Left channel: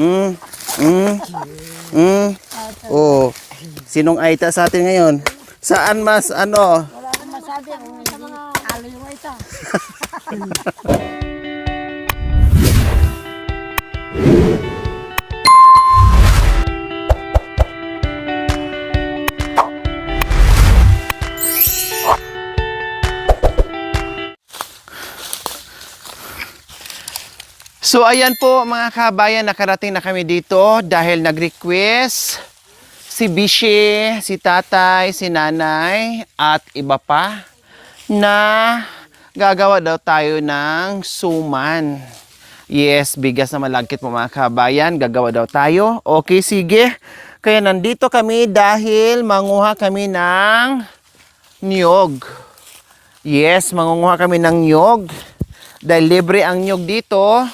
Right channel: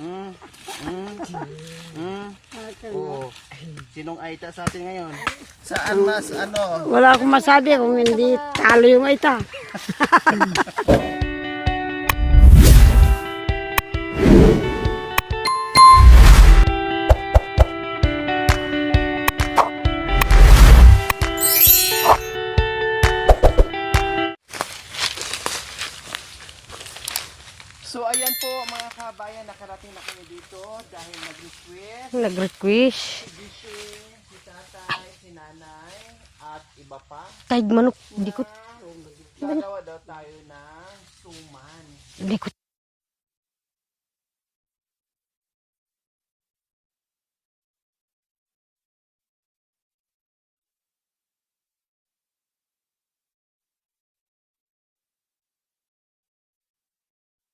Mm. Mm. Mm. Oh. Sinong Aita sa atin ngayon? Saan mas ano? Wala akong masabi kung hindi talo yung Aita. So ayan po mga kabayan, nakarating na kami dito dahil nag-request si Bishi, si tatay, si nanay at iba pa Kahit manok. na gagawa daw tayo ng suman. Yes, bigas na malagkit po mga kabayan, gagawa daw tayo. Okay, sige. Kaya nandito kami dahil manguha kami ng niyog. Yes, mangunguha kami ng niyog. Dahil libre ang niyog dito.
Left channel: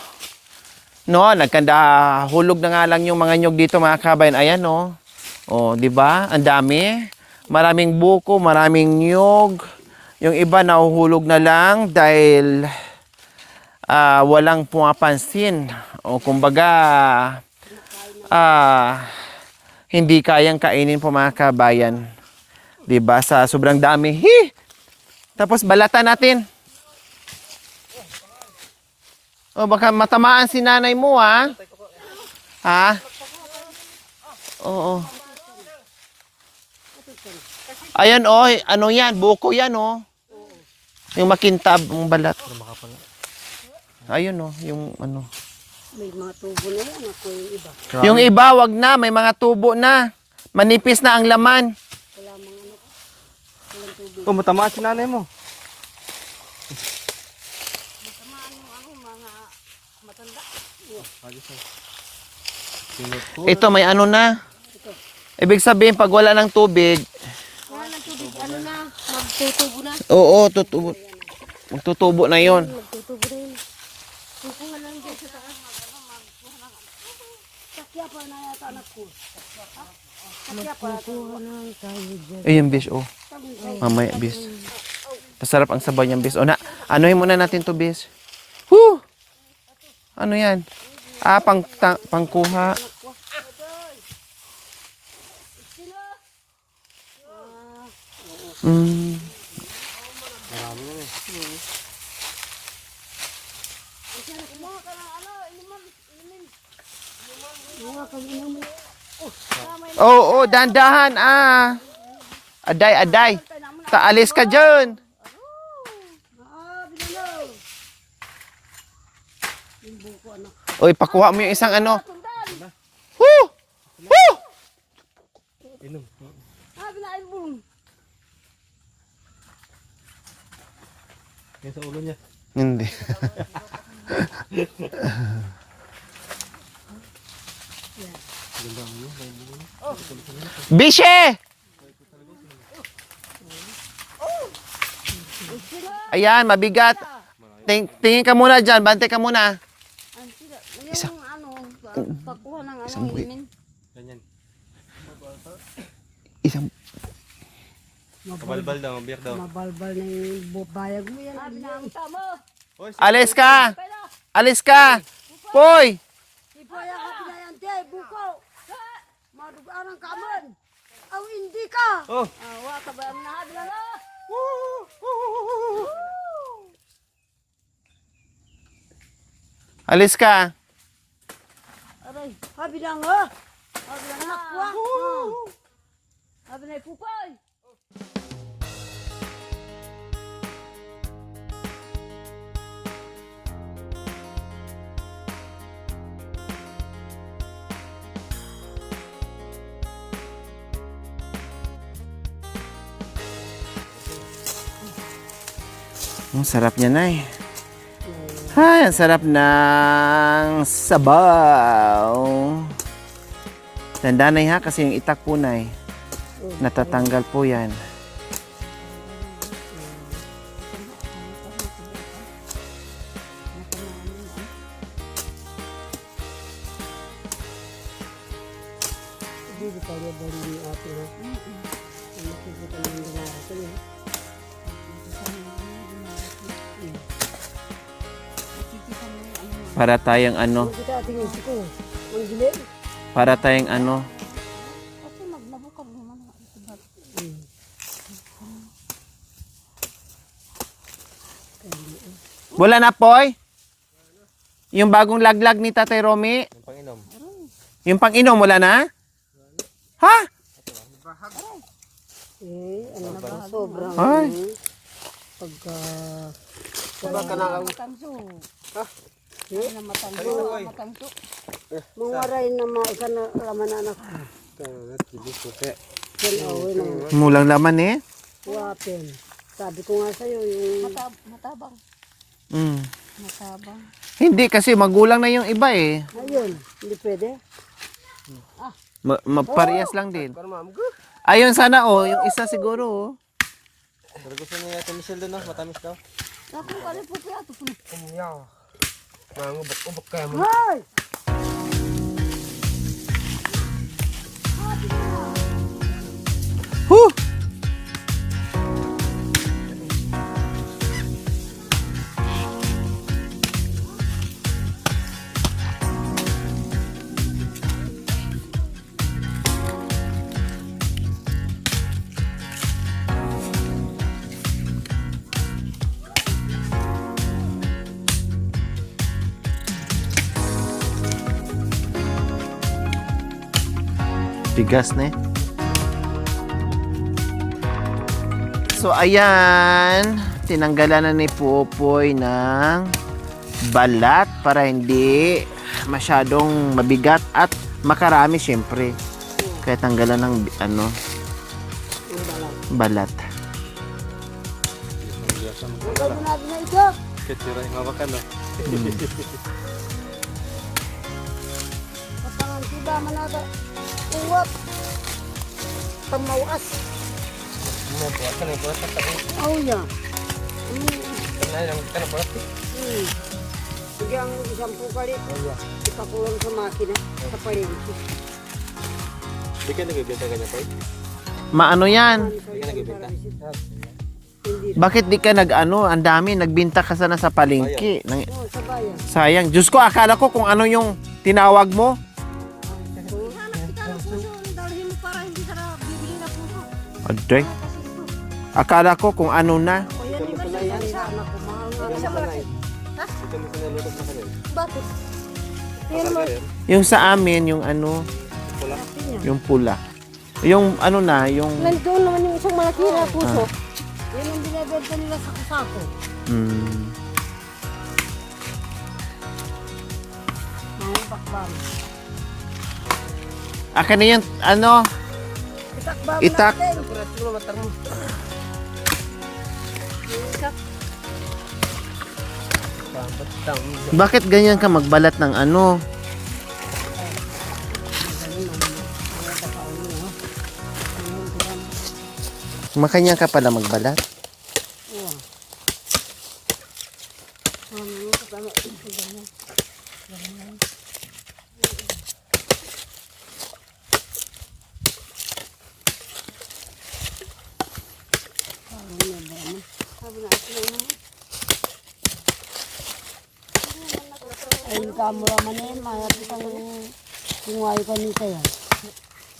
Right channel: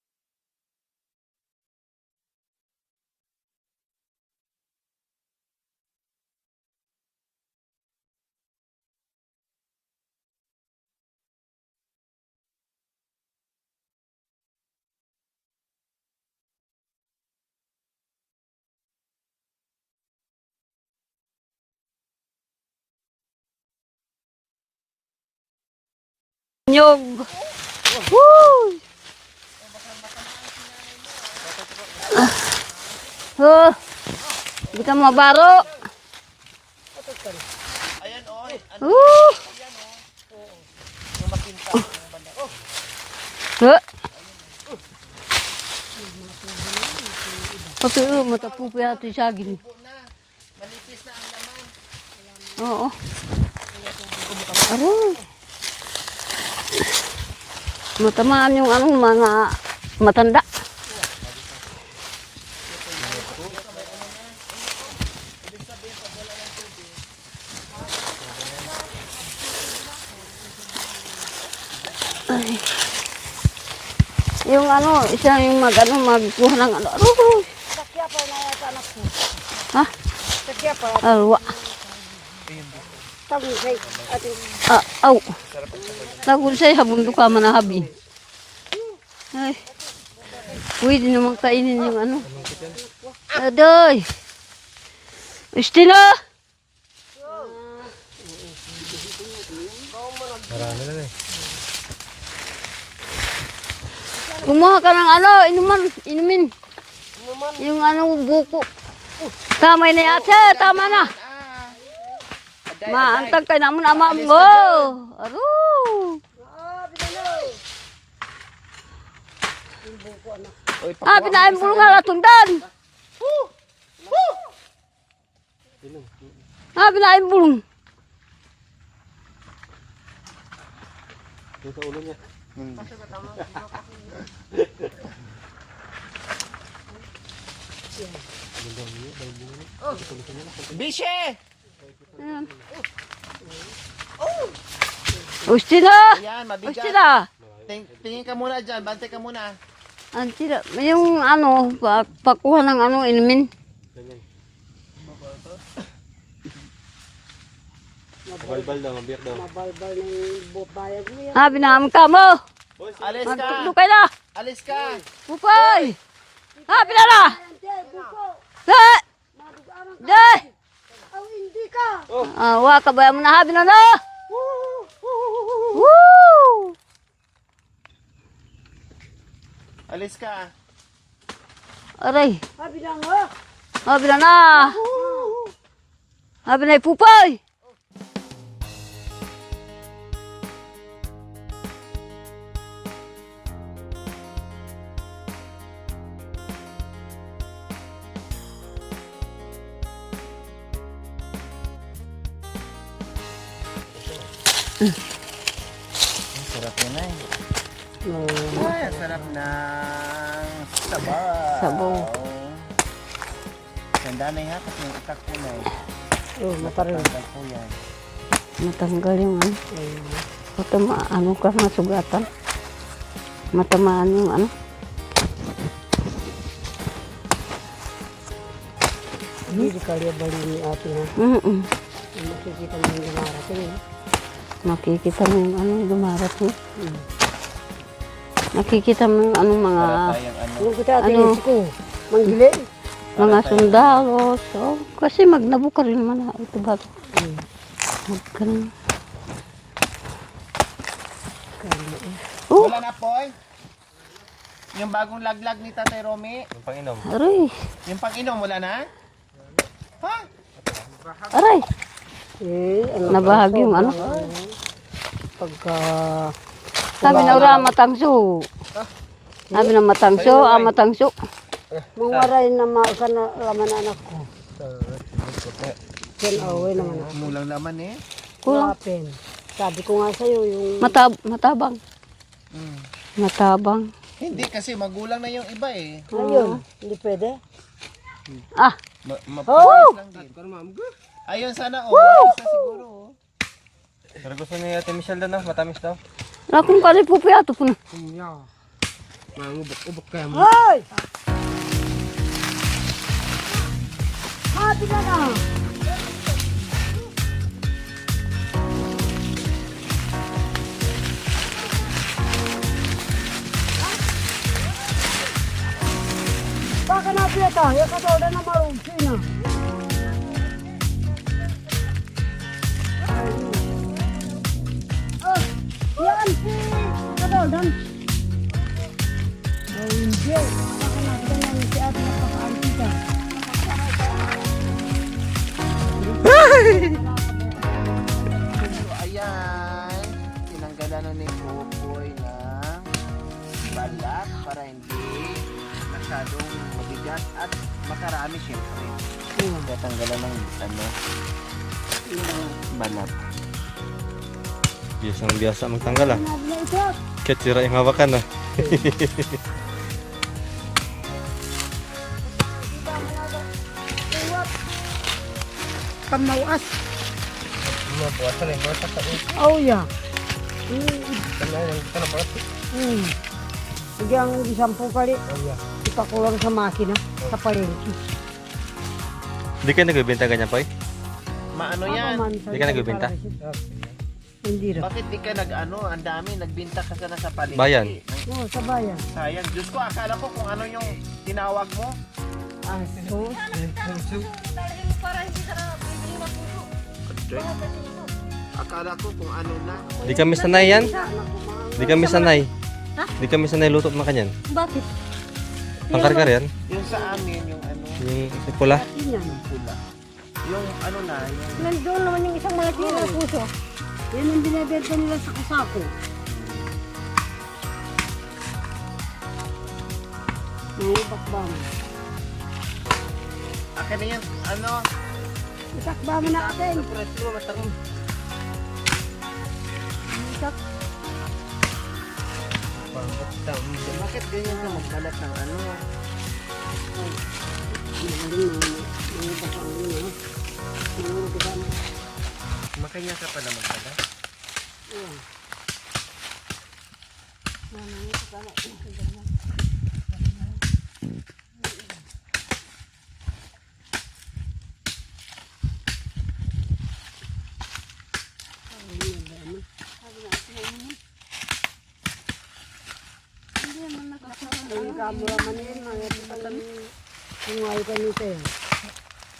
No, nagkanda hulog na nga lang yung mga nyog dito mga kabayan. Ayan no. Oh, 'di ba? Ang dami. Maraming buko, maraming nyog. Yung iba nahuhulog na lang dahil walang pumapansin. O kumbaga hindi kayang kainin po mga kabayan. 'Di ba? Sa sobrang dami. Tapos balatan natin. Nyog. Woo! O baka matamaan si nanay mo, ha? Ha? Oh. Oo. Ito mabaro. Ayan, oh. Ano yan? Buko yan, oh. Yung makintab, yung balat. Ayun, oh. Yung ano. Yung iba, wag na. May mga tubo na. Manipis na ang laman. Oo. Tumatamaan ang nanay mo. Matamaan yung mga matanda. Ito, may ano na. Ibig sabihin, pag wala ng tubig. Oo, tutubo na yon. Yung isa yung magkuha ng Ha? Alwa. Ayun, bis, oh. Mamaya, bis. Aw. Masarap ang sabaw niyang bis. Tapos sa'yo, habang Ano yung muna mukha natin manahabi. to, bis? Ay, Ano yan? pwede naman kainin ng Pangkuha. Adoy. Istina. Kumuha ka ng inumin. Yung buko. Tamay na yan siya. Dandahan, Aday. Kaalis ka dyan. Aro. Uy, pakuha mo yung isang ano. Tundan. Binain bulong. Hindi. Bishe! Ustina. Ayan, mabigat. Tingin ka muna dyan, bante ka muna. Antira, yung pakuha ng inumin. Isang... Mabalbal daw, mabiyak daw. Mabalbal ng bubayag mo yan. Binamang ka mo. Alis ka! Pupay na. Alis ka! Pupay. Hoy! Pinala. Day. Hindi ka. Waka ba mo na na. Woo! Alis ka! Aray. Bilang mo. Bilang na. Na pupay. Ang sarap niya, Nay. Ay, ang sarap ng sabaw. Tanda, Nay, ha? Kasi yung itak po, Nay. Natatanggal po yan. Matanggal yung ka masugatan. Matamaan yung Hindi ka rin ba ni ate na? Nakikita mo yung lumarap eh. Nakikita mo yung lumarap mo. Nakikita mo yung mga... Para tayong ano. Kita tingin ko. Manghiling. Para mga tayong ano. sundalo. So, kasi magnabo ka rin naman. Ito ba? Magkaroon. Wala na, Poy? Yung bagong laglag ni Tatay Romy? Aray. Yung pang-inom, wala na? Ha? Aray. Ano Nabahag yung ano. pagka Sabi na ura, matangso. Sabi na matangso, matangso. mangwaray na mausan na laman anak. Yan away naman. Mulang laman eh. Kulang. Kapin. Sabi ko nga sa'yo yung Matabang. Mm. Matabang. Hindi kasi magulang na yung iba eh. ayun. Hindi pwede. Ah, Parehas lang din. Ayun sana yung isa siguro oh. Pero gusto niya Ate Michelle daw, matamis daw. akong kali po piyato po na. Mangubok-ubok ka mo. Hoy! Hati ka na! Huh! Baka na piyata, yung katawala na marumsi na. Yan si katawala. Bigas na eh. So ayan, tinanggalan na ni Popoy ng balat para hindi masyadong mabigat at makarami syempre. Kaya tanggalan ng balat. Biyasang magtanggal ah. Kahit sira yung hawakan ah. Pagmawas. Oh, yeah. Sige ang 10 kali. Ipakulang sa makina. Sa palinki. Hindi ka nagbibenta ganyan, Poy? Maano yan? Hindi ka nagbibenta? Hindi rin. Bakit di ka ang dami, nagbinta ka sana sa palengke. Oo, sa bayan. Sayang. Diyos ko, akala ko kung ano yung tinawag mo. Aday. Akala ko kung ano na. Hindi kami sanay yan. Anak ko mahal. Hindi kami sanay. Hindi kami sanay luto na kanyan. Bakit? Pangkarkar yan. Yung sa amin, yung ano, Yung pula. yung pula. Yung ano na, yung... Nandoon naman yung isang malaki na puso. Yan ang binibenta nila sa kasapo. Mm, Mga bakbam. akin na yung ano, Itakbam Itak. natin. bakit ganyan ka magbalat ng ano? Makanya ka pala magbalat. Ay, kamo naman eh. Mayat ang kungay ka nito yan.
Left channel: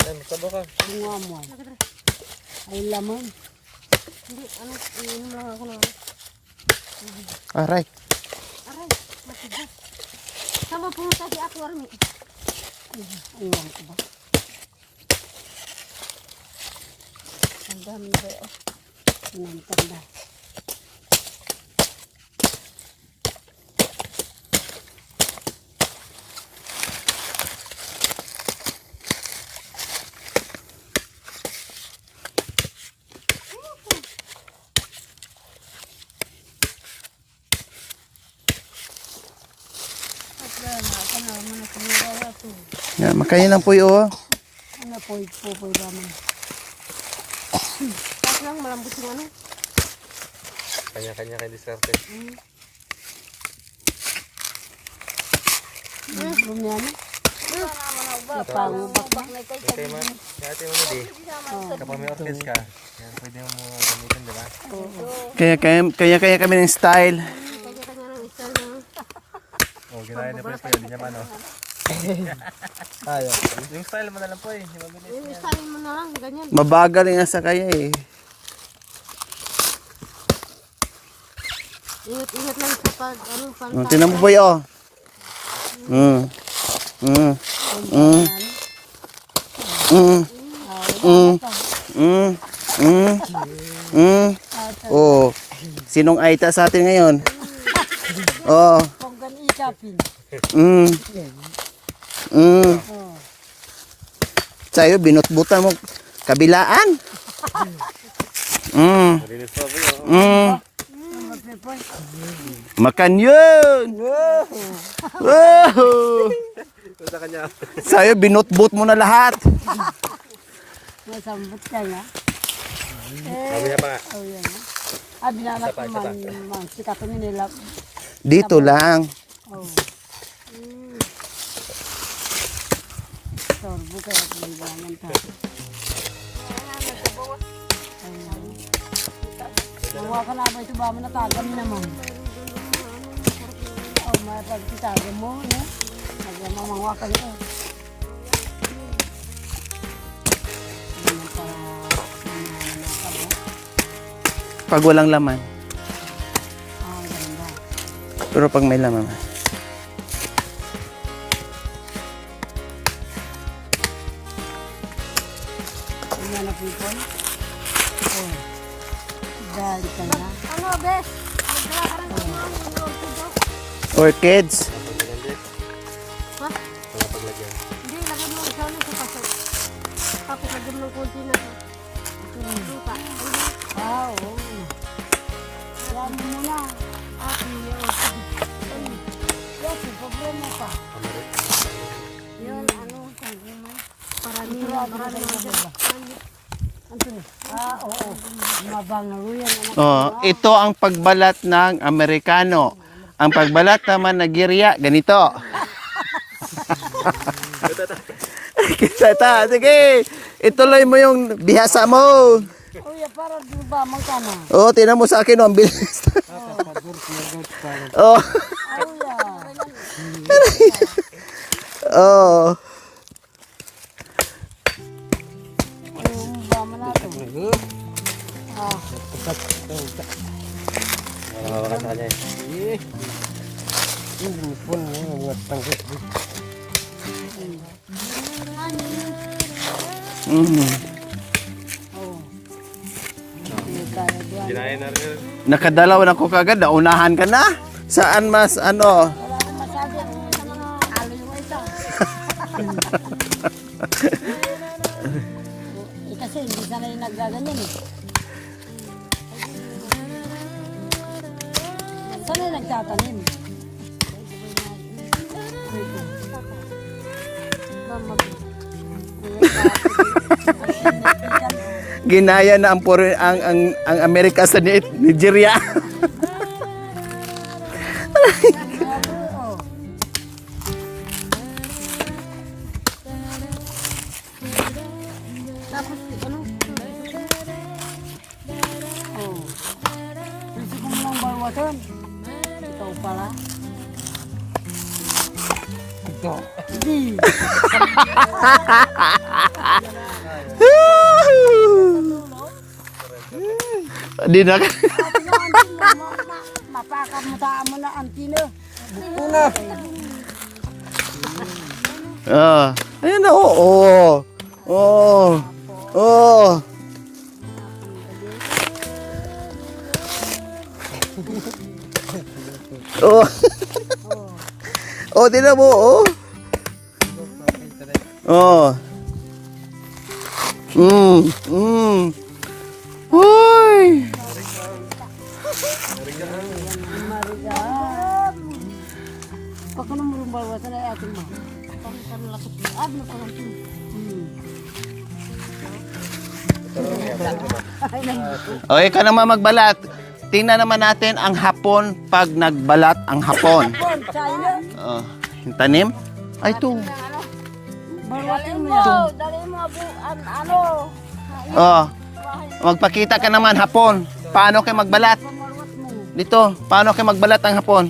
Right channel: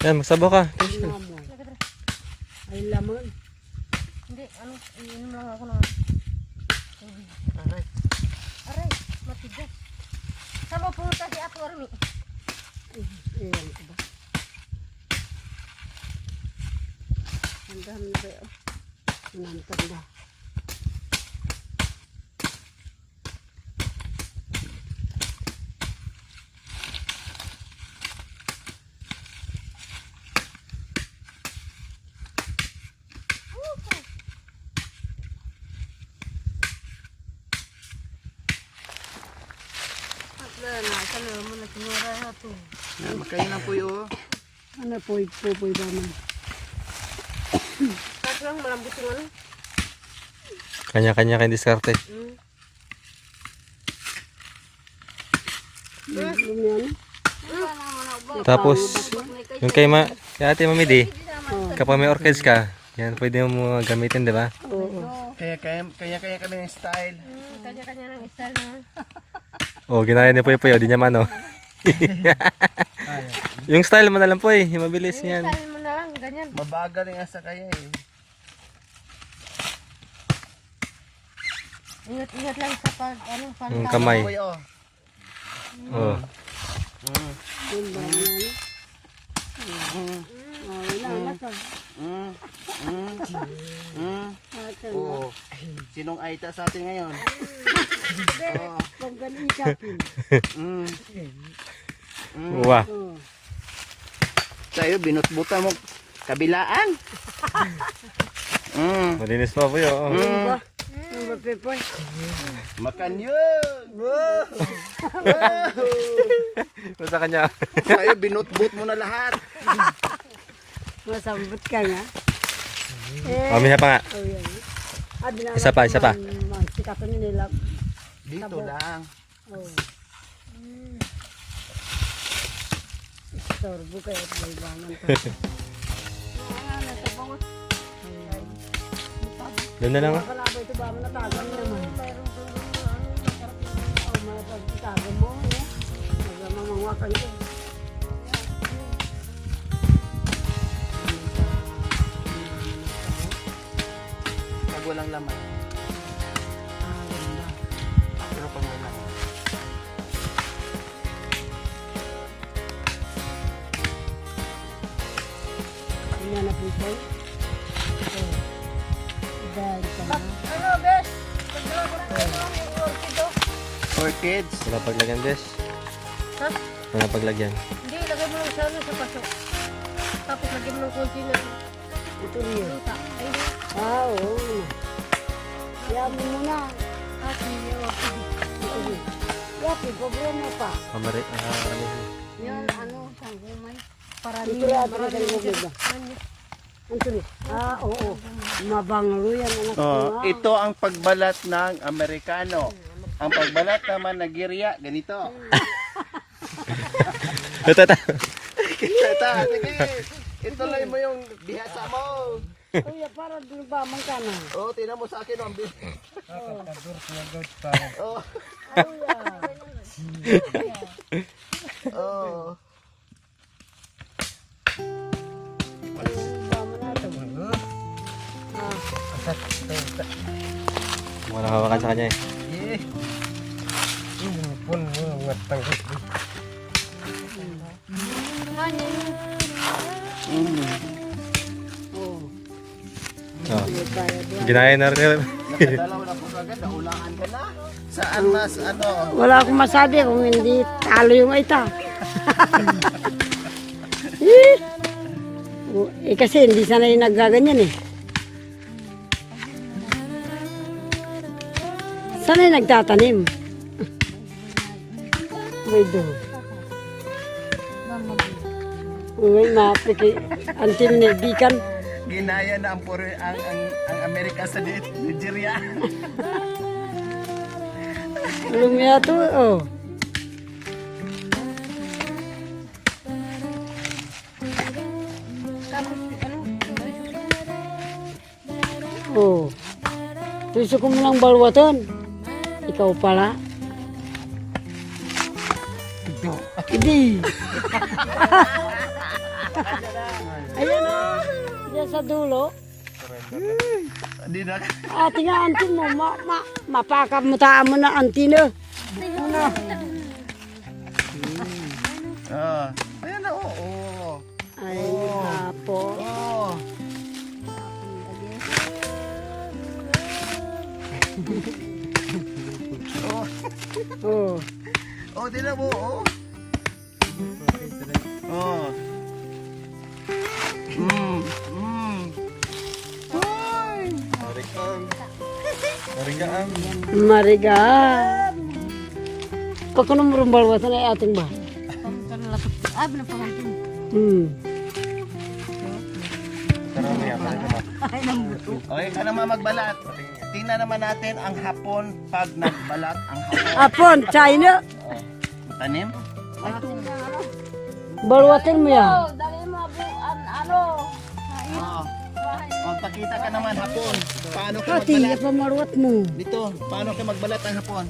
Yan, magsabaw ka. Kunga mo. Ay, laman. Aray. Sama pumunta si Ato Armi. Ayun ko ba? Tanda mo na kayo. Tanda. Yan, makanya lang po yun. Ano po, ipupoy ba man? Tapos lang, malambot yung ano. Kanya-kanya kayo diskarte. Yan. Tapos, yung kay Ate Mamidi, kapag may orchids ka, yan pwede mo gamitin, di ba? Kaya kami ng style. Oh, ginaya ni Poy Poy, di niya man, oh. Yung style mo na lang po eh. Yung mabilis niyan. Sabi mo na lang, ganyan. Mabagal nga sa kaya eh. Ingat-ingat lang sa pag, pag Tinan mo boy oh. Mm. Mm. Mm. Mm. Mm. Mm. Mm. Mm. Oh. Sinong aita sa atin ngayon? Oh. Mm. Mm. Wah. Sa'yo, binutbutan mo. Kabilaan. Mm. Malinis pa po yun. Mm. Makan yun! Wow! Sa kanya. Sa'yo, binutbut mo na lahat. Masambot ka nga. Mamaya pa nga. Isa pa, isa pa. Sikapan nila. Dito lang. Oh. Sorbo kayo at maybaman ka. Doon na lang. Huwag ka na ba ito ba mo natagam naman. Oh, mapagtitagam mo, no? Magmamangwakan ko. Pag walang laman. Ah, ganda. Pero pag may laman. Ano na people? Oh. Dali ka na. Ano, bes? For kids. Wala paglagyan, Bes. Ha? Wala paglagyan. Hindi, lagay mo sa ano, sa paso. Tapos lagyan mo ng konti na. Oh, oh. Yabi mo na. Yabi, problema pa. Pabari. Yung ano, sabi mo, para Ito rin ato na sa lubid ba? Ito rin. Ah, oo. Mabanglo yan. Oh, ito ang pagbalat ng Amerikano. Ang pagbalat naman ng Nigeria, ganito. Tata, sige. Ituloy mo yung bihasa mo. Kuya, para di ba man ka na? Oh, tinan mo sa akin, oh, ang bilis. Oh. Oh. Ba man nato? Ah, Wala hawakan sa kanya eh. Oh. Ginaya na rin. Nakadalaw na ko kagad, naunahan ka na. Saan mas ano? wala akong masabi kung hindi talo yung ita. Kasi hindi sanay naggaganyan eh. Sanay nagtatanim. May doon. Ngayon napiti. Until nagdikan. Ginaya na ang Amerika sa Nigeria. Lumia to, oh. Oh. Gusto ko mo ng balwatan. Ikaw pala. Hindi. Sa dulo. Di na. Ate nga antin mo. Mapakamutaan mo na antina. Una. Ah, ayun na, oo. Oh. Oh. Oh. Oh. Oh, tinan mo, oh. Oh. Hoy. Mariga. Pagkuno mo rin balwatan ay ating ba? Okay ka naman magbalat. Tingnan naman natin ang hapon pag nagbalat ang hapon. Hapon, China. Oh, yung tanim? Ay, ito. Balwatin mo yan. Dali mo, ano, Oh, magpakita ka naman hapon. Paano kayo magbalat? Pamarwat mo. Dito, paano kayo magbalat ang hapon?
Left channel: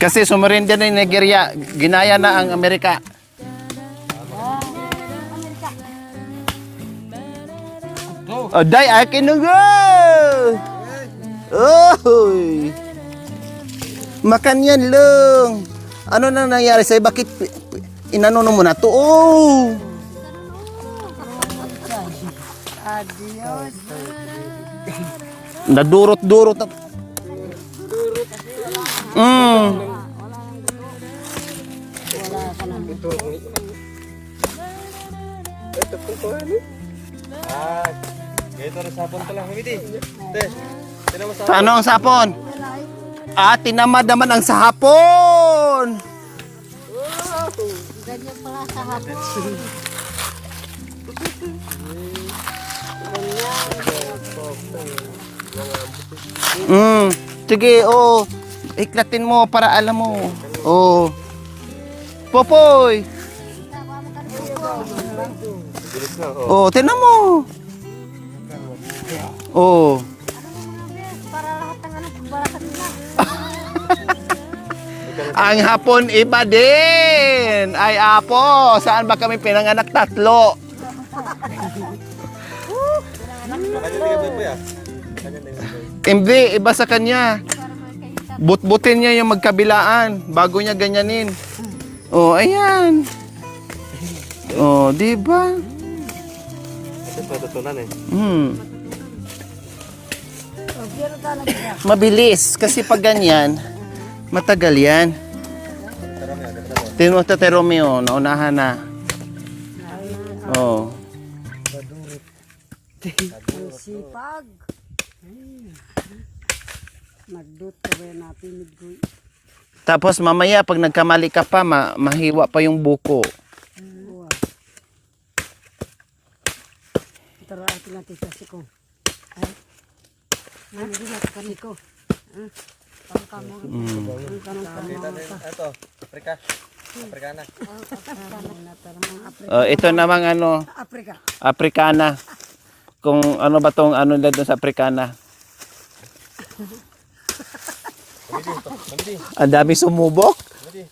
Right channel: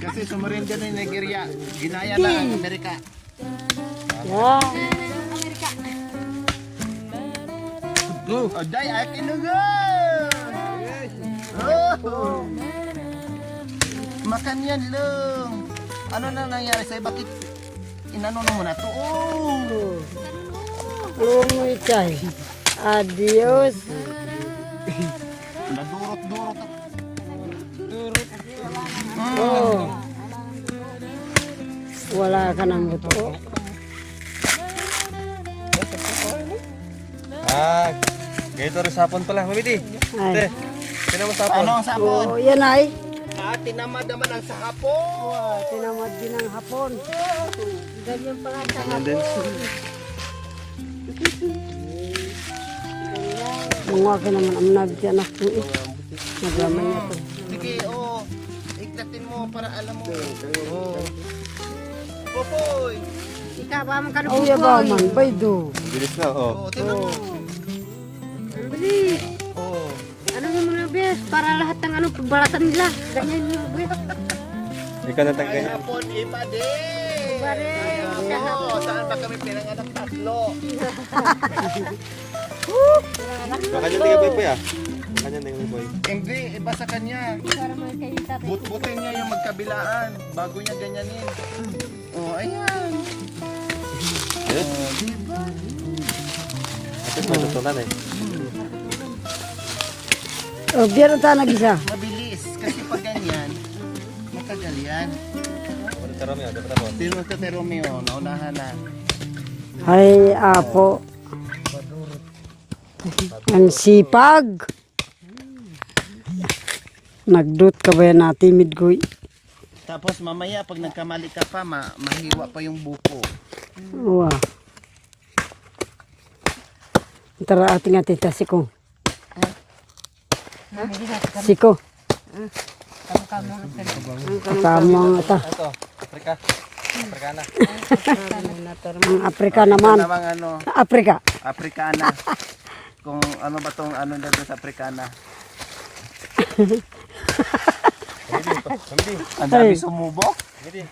Kasi sumurrender na yung Nigeria. Ginaya na ang Amerika. Wow. Oh, day, akin na go! Oh! Makan yan lang. Ano na nangyari sa'yo? Bakit inano mo na to? Oh! Lumutay. Adios. Nadurot-durot. Wala ka nang ito. Ah, dito rin sapon pala, Mami Di. Ay. Sa ano ang sapon? Oh, yan ay. Ah, tinamad naman ang sahapon! Ng hapon. Ganyan pala sa kung akin ang amnag dyan ako. Sige, oh. Iklatin mo para alam mo. Oh. Popoy! Oh, yaba man. Baydo. Bilis na, oh. Oh, tinan mo. Oh. Ano mo mga bes? Para lahat ng ano, pagbalatan nila. Hindi ka na Ang hapon iba din. Ay, apo. Saan ba kami pinanganak? Tatlo. Kanya tingin ba ya? Kanya tingin ba? Hindi, iba sa kanya. Butbutin niya yung magkabilaan bago niya ganyanin. Oh, ayan. Oh, di ba? Ito tutunan eh. Oh, biyero ta nag-isa. Mabilis kasi pag ganyan, matagal yan. Tingnan mo Tate Romeo, naunahan na. Ay, ako. Ang sipag. Nagdut ka ba yan na timid ko? Tapos mamaya pag nagkamali ka pa, mahiwa pa yung buko. Wow. Tara ating atita siko. Siko. Kamang ata. Ito, Afrika. Afrikana. Ang Afrika Oh, ito naman. namang ano, Afrika. Afrikana. Kung ano ba tong ano nila doon sa Afrikana. Ang dami sumubok.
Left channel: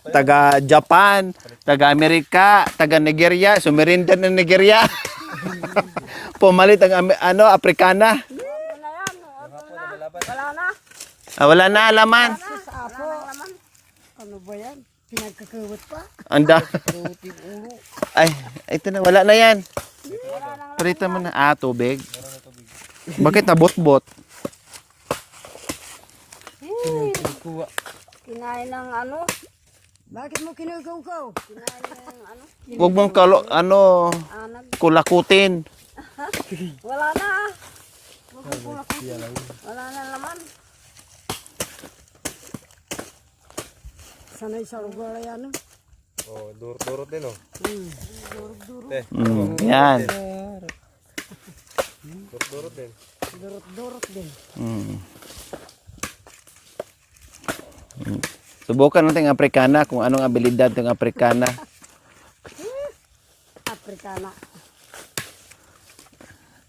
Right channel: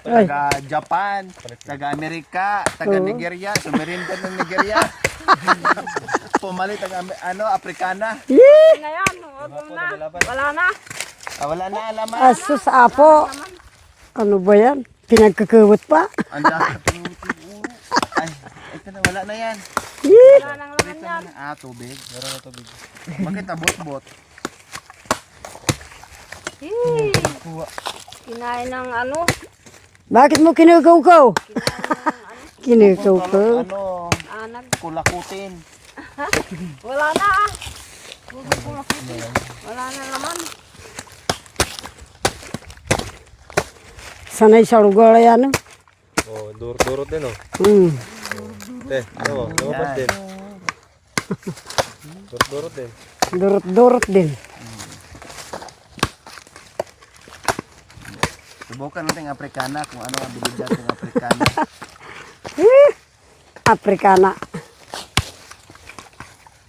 Taga Japan, taga Amerika, taga Nigeria, sumerinda ng Nigeria. Pumalit ang ano, Afrikana. Ah, wala na alaman. Asus apo. Ano ba yan? Pinagkakawat pa? Anda. Ay, ito na, wala na yan. Parita mo na. Ah, tubig. Bakit nabot-bot? Kinain ng ano? Bakit mo kinukaukaw? Huwag mong Kinukaukaw. ano, kulakutin. Wala na. Wala na naman. Sanay sa lugar yan. Oh, durot din oh. Hmm. Yan. Durot din. Durot-durot din. Subukan natin ang Afrikana kung anong abilidad ng Afrikana. Afrikana.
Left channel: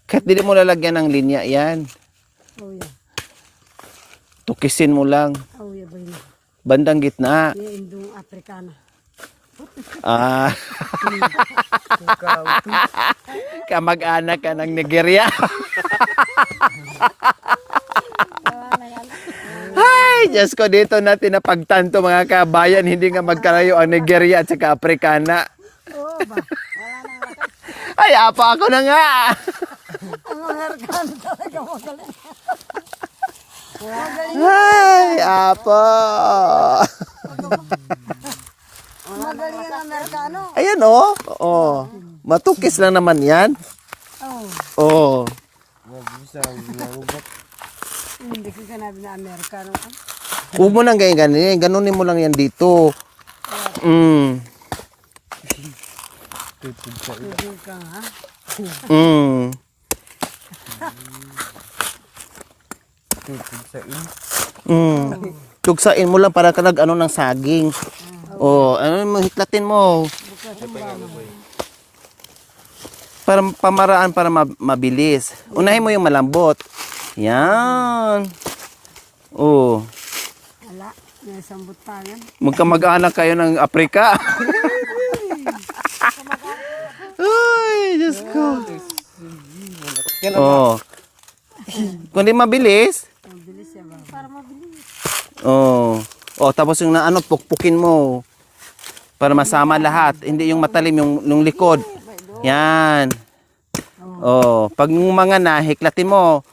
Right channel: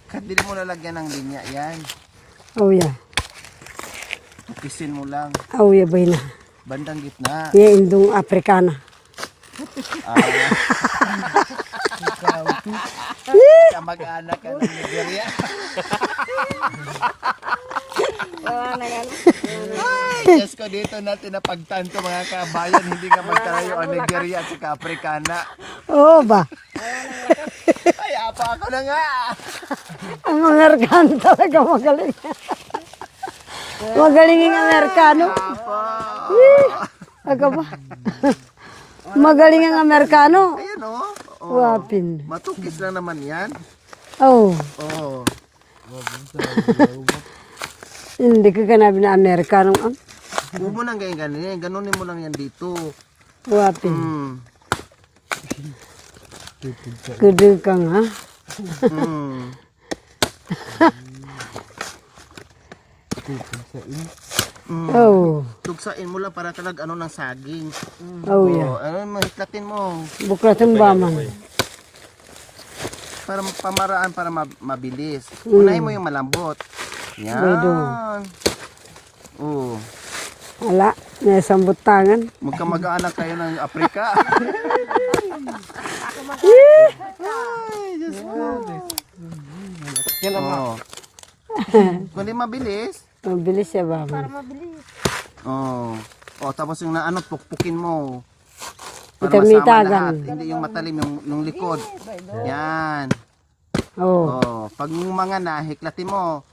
Kahit hindi mo lalagyan ng linya yan. Oh yeah. Tukisin mo lang. Oh yeah, bay na. Bandang gitna. Yan indong Afrikana. Ah. Kamag-anak ka ng Nigeria. Ay, Diyos ko, dito natin napagtanto mga kabayan, hindi nga magkarayo ang Nigeria at saka Afrikana. Oo ba? Ay, apa ako na nga. Ang Amerikano talaga magaling. Magaling ang Ay, Amerikano. apa. Aga ba? Magaling ang Amerikano. Ayan, oh. Oh. Wapin. Matukis lang naman yan. Oh, Oh. hindi ka ganabi na Amerikano. Huwag mo nang ganyan. Ganunin mo lang yan dito. Wapin. Kudu ka nga. Oh, Tugsain mo lang para ka nag-ano ng saging. oh, Ano mo, hiklatin mo. buklatan ba man? Para pamaraan para mabilis. Unahin mo yung malambot. Yan. Oh. Wala, may sambut tangan. Magkamag-anak kayo ng Afrika. Ay, Diyos ko. Oh. Kundi mabilis. Mabilis siya ba? Oh. Oh, tapos yung naano, pukpukin mo. Para masama lahat. Hindi yung matalim, yung likod. Yan. Oo. Oh, pag mga nahiklatin mo,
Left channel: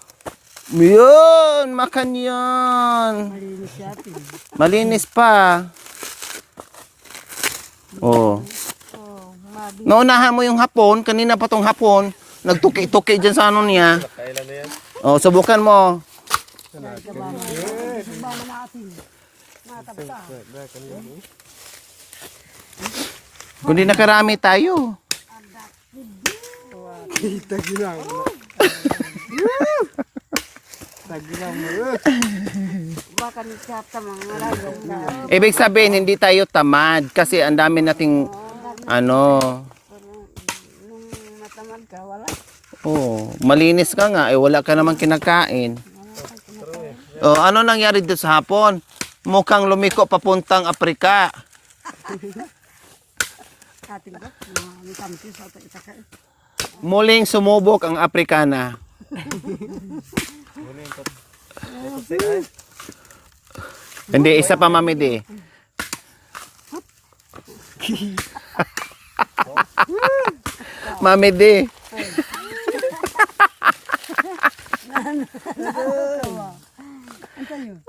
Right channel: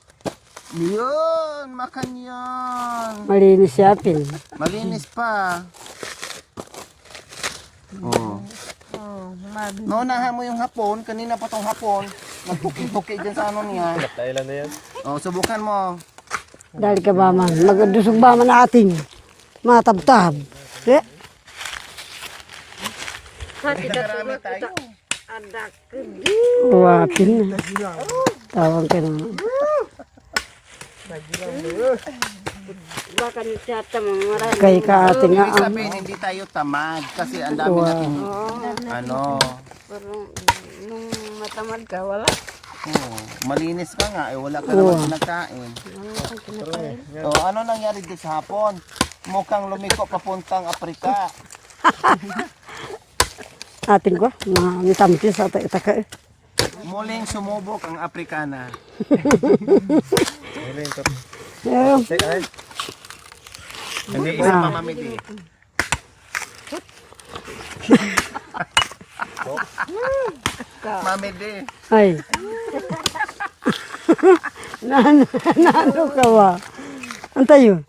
yun, makan yan. Malinis siya, Pin. Malinis pa. Oh. Naunahan mo yung hapon, kanina pa tong hapon, nagtuki-tuki dyan sa ano niya. Oh, subukan mo. Dahil ka ba man, magdusog ba man ating matabtab. Eh, Kundi nakarami tayo. Pin. Tawag ka naman. Kay ka ating Ibig sabihin, hindi tayo tamad kasi ang dami nating ano. Nung matamad ka, wala. Oh, malinis ka nga, eh wala ka namang kinakain. Oh, ano nangyari doon sa hapon? Mukhang lumiko papuntang Afrika. ating ko, na mitamti sa taka. Muling sumubok ang Afrikana. Hindi, isa pa mamidi. Mamidi. Ay. Nano ka ba? Antay yun.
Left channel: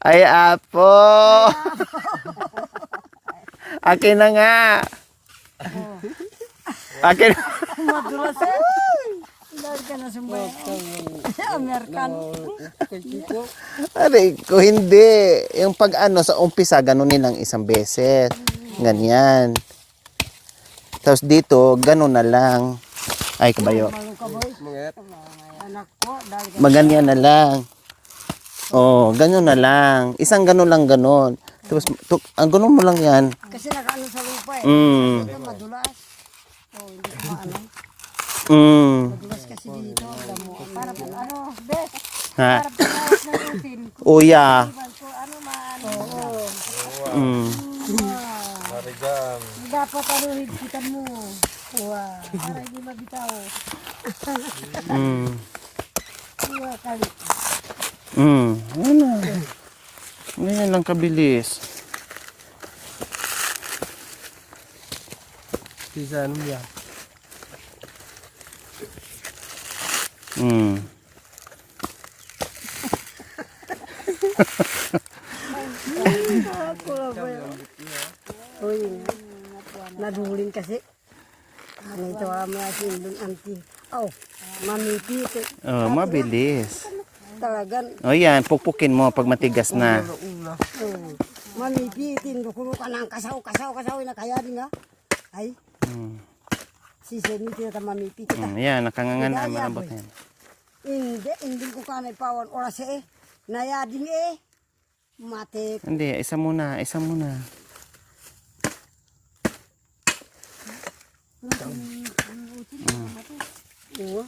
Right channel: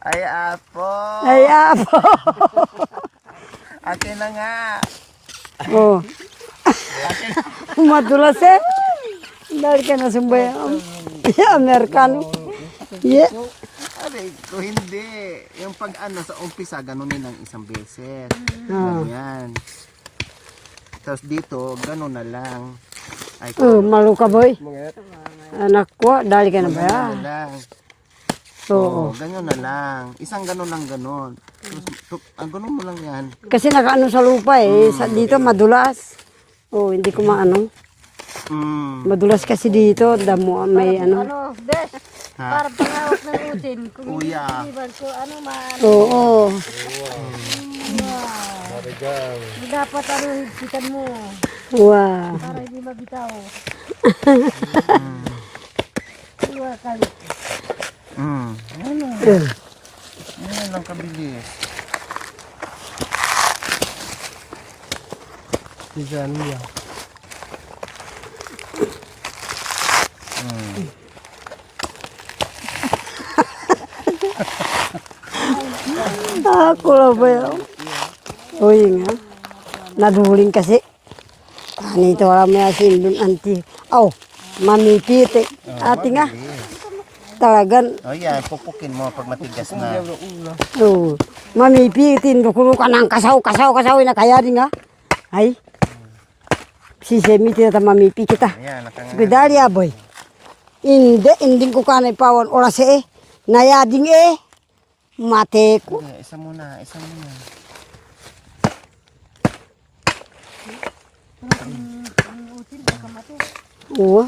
Ay, apo. Ay, apo. Akin na nga. Oh, Akin. madulas eh. Dahil ka na sumbay. Amerikano. Yeah. Aray, ko hindi. Yung pag ano, sa umpisa, ganunin ng isang beses. Ganyan. Tapos dito, ganun na lang. Ay, kabayo. Malu ka boy. Anak ko, dahil ka na Maganyan na lang. Oo. Oh, ganun na lang. Isang ganun lang ganun. Tapos, ang ganun mo lang yan. Kasi nakaano sa lupa eh. Sa dito madulas. Oh, hindi ko maano. Mm. Madulas kasi dito. Damo may ano. Ha? Uya. Oo. Mm. Dapat ano, hikitan mo. Wow. Para hindi mabitaw. Mm. Mm. Ano? Yan lang kabilis. Mm. Ako lang ba yun? Uy nga. Naduling kasi. Nito wala may asin dun anti. Aw, mamipiti. Oh, Ate nga. mabilis. Talagan. O yan, pukpukin mo pag matigas na. Oh, mamipitin. Dukulo ka ng kasaw. Na kaya din nga. Ay. Si Semi tita mamipi kita. Ayan, nakangan. Bidali aboy. Hindi ko kanay pawon oras eh. Nayading eh. Mate ko. Hindi, isa muna, isa muna. Oo.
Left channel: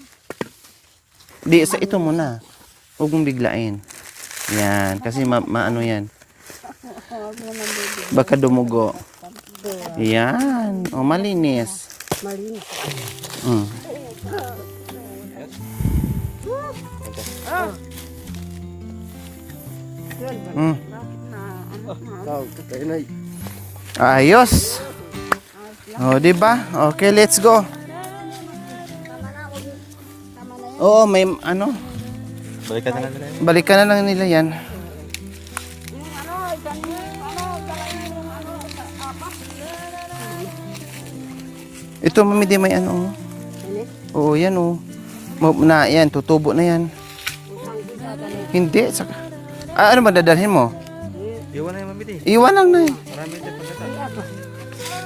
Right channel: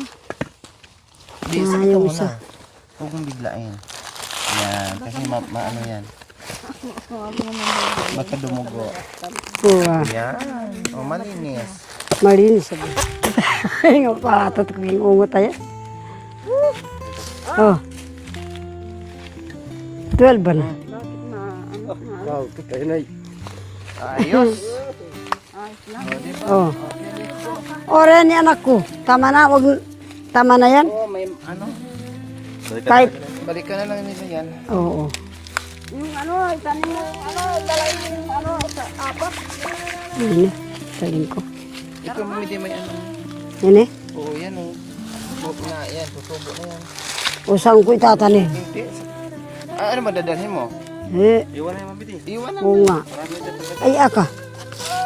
Di, isa ito muna. Huwag mong biglain. Yan, kasi maano yan. Baka dumugo. Oo. Yan, o malinis. Malinis. Ay, nga pala. Tatok yung ungot tayo. Oh. 12 ba na? Ayos. O, di ba? Okay, let's go. Ore ni anak ko. Tama na. Tama na yan. Oo, may ano. Kahit. Balikan na lang nila yan. Oo. Ano? Saling ko. Ito, mamidi may ano. Yan eh. Oo, yan o. Na, yan, tutubo na yan. Usang ko itatanim. Hindi. Ano madadalhin mo? Eh. Iwan lang Oo na. nga. Ay aka.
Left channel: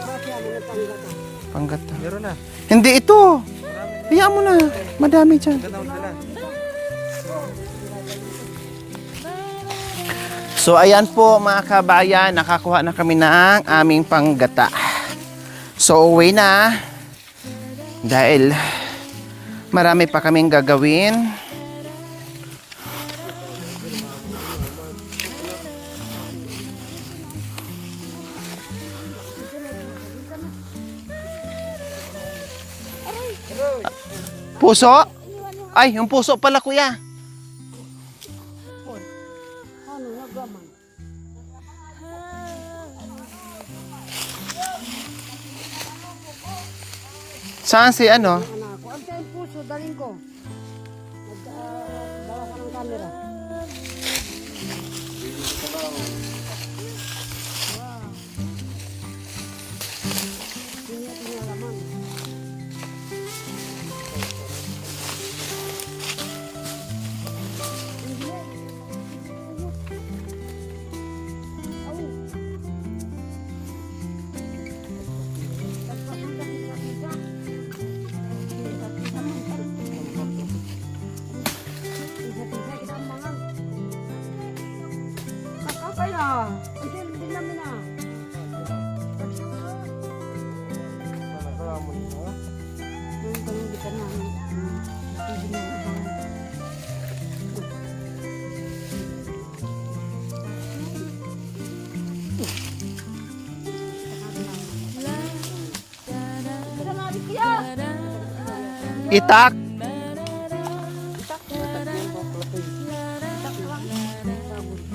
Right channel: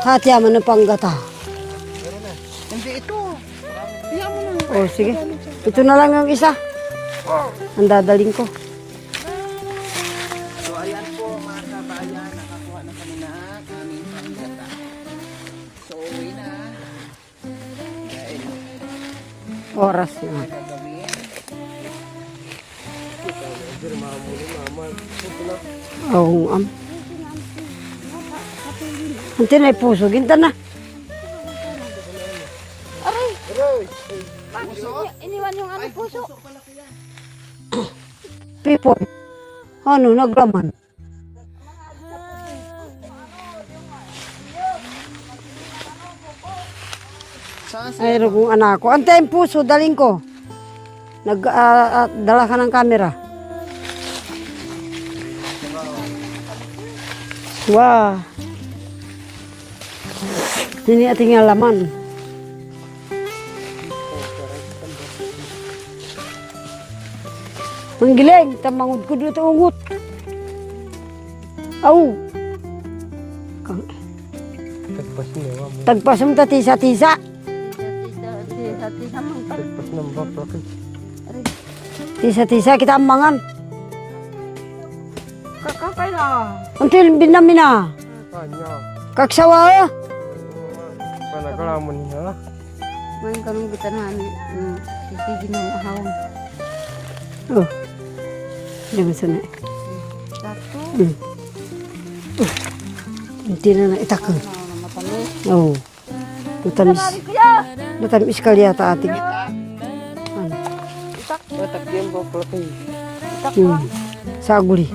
Hati mo na panggata. Pangkat. Hindi ito. Hiya mo na. sige. Madami dyan. Ito na lang ang isa. Ang dadaling ko. So ayan po mga kabayan, nakakuha na kami ng aming panggata. So uwi na. Dahil marami pa kaming gagawin. Oo, Ang tinay puso, ginta na. Puso? Ay, yung puso pala, kuya. Pipon. Ano, naglaman. Saan si ano? Yung anak ko. Antay yung puso, daling ko. Dala ka ng camera. Wah. Ini ating laman. Manggiling, tamangod ko dito ungot. Aw. Tagpas mo ta tisa-tisa. Tisa-tisa kita amangan. Kakapay na. Until binamina. Kaksawa. Ngayon kami kita na. Sige na ahawan. Oh. Diyan sa na. Hindi na na itakang. Oh. Matamis. Matamis kali yata ate. Itak. Saguli.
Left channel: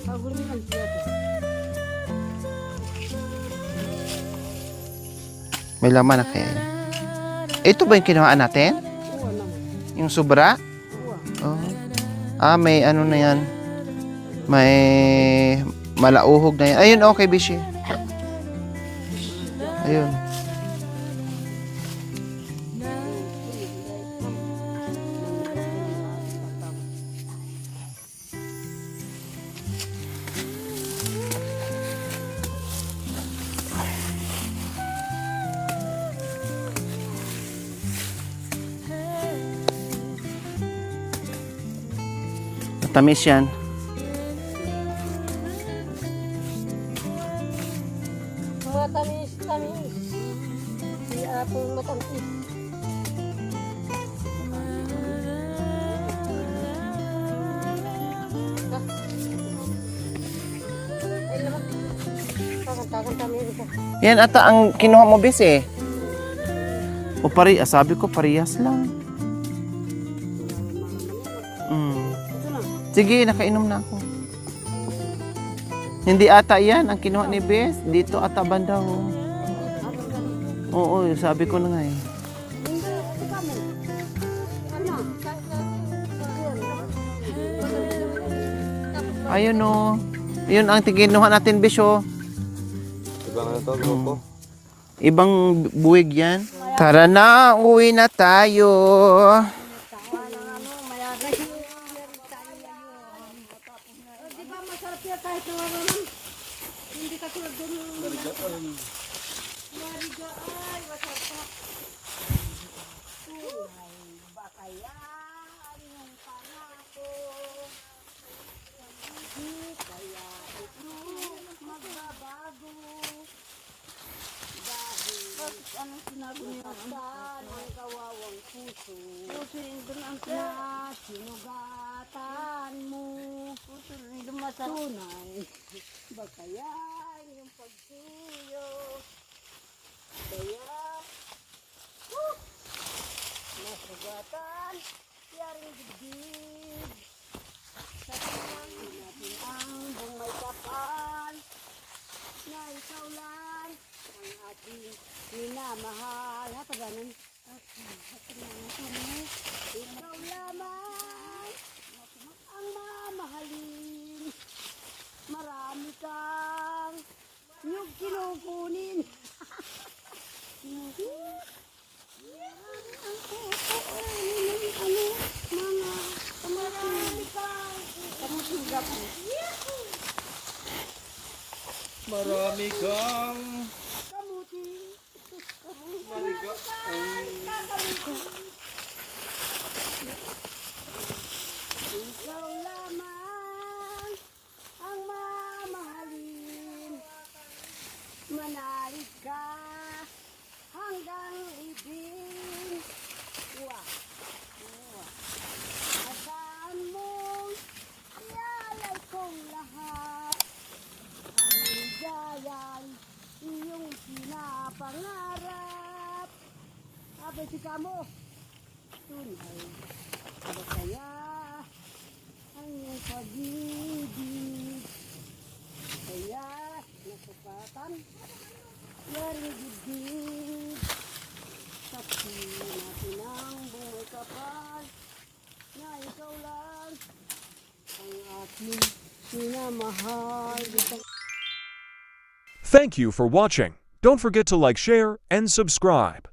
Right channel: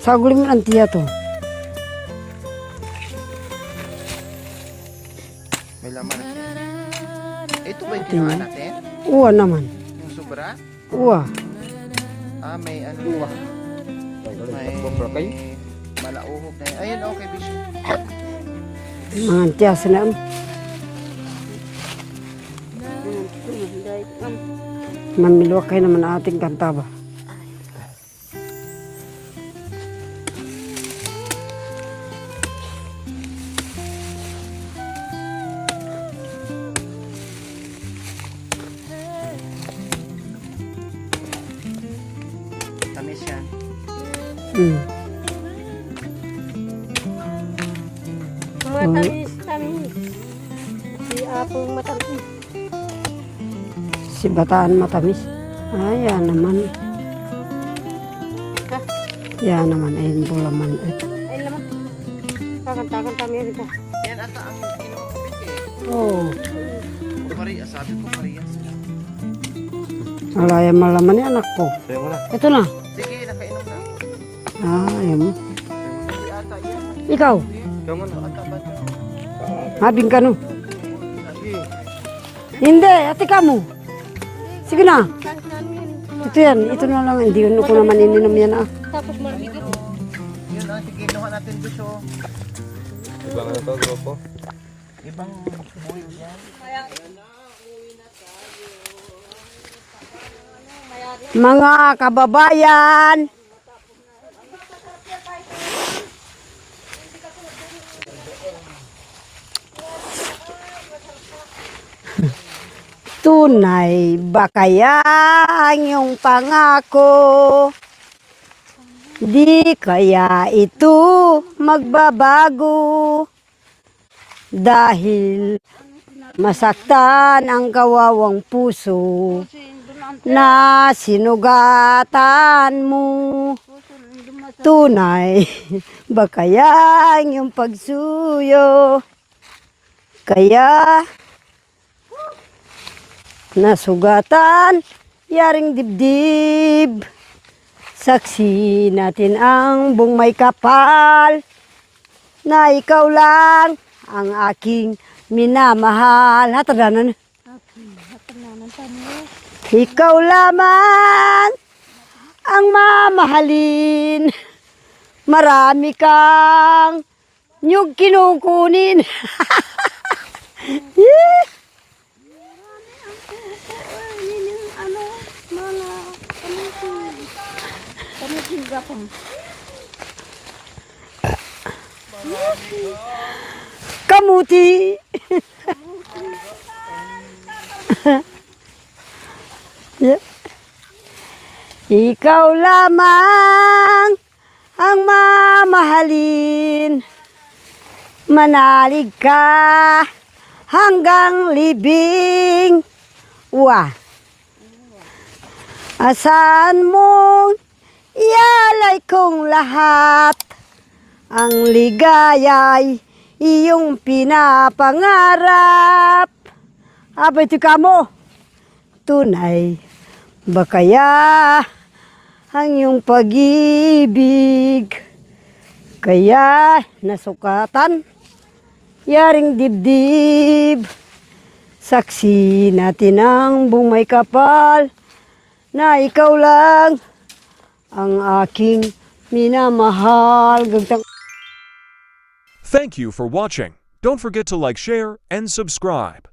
Saguli mo ang tiya to. May laman na kaya. Ito ba yung kinuhaan natin? Uwa naman. Yung sobra? Uwa. Oh. May ano na yan. May malauhog na yan. Ayun, okay, Bishi. Mga tiya sila. Mamilwa kayo naman ang ating kanta ba? Tamis yan. Matamis, tamis. Si Apong matamis. Si Bataan matamis. Yan naman. Yan naman. Ayun po laman. Ay, lamang. Kakanta-kanta mo rin ka. Yan ata ang kinuha mo, Bis eh. Oo. O sabi ko, parehas lang. Malaya malaman ni anak ko. Ito na. Sige, nakainom na ako. Ayun. Hindi ata yan ang kinuha Ikaw? ni Bes. Dito ata banda. Habing ka no. Oo, sabi ko na nga eh. Hindi, ate ka mo. Sige na. Ito yan. Ito na lang. Hindi ko naman ininom yan ah. Ayun o. Yun ang kinuha natin, Bes oh. Ibang ito, grupo. Ibang buwig yan. Tara na, uwi na tayo. Mga kababayan. Tunay ba kaya ang iyong pangako? Di kaya ito magbabago? Dahil masaktan ang kawawang puso na sinugatan mo. Tunay ba kaya ang iyong pagsuyo? Kaya nasugatan yaring dibdib. Saksi natin ang buong may kapal na ikaw lang ang aking minamahal. Hatadanan. Ikaw lamang ang mamahalin. Marami kang nyug kinukunin. Kamuti. Yeah. Ikaw lamang ang mamahalin. Manalig ka hanggang libing. Wah. Asan mong ialay kong lahat, ang ligaya'y iyong pinapangarap. Abay ito kamo, tunay ba kaya ang iyong pag-ibig? Kaya nasukatan, yaring dibdib. Saksi natin ang bumay kapal, na ikaw lang ang aking minamahal. Thank you for watching. Don't forget to like, share, and subscribe.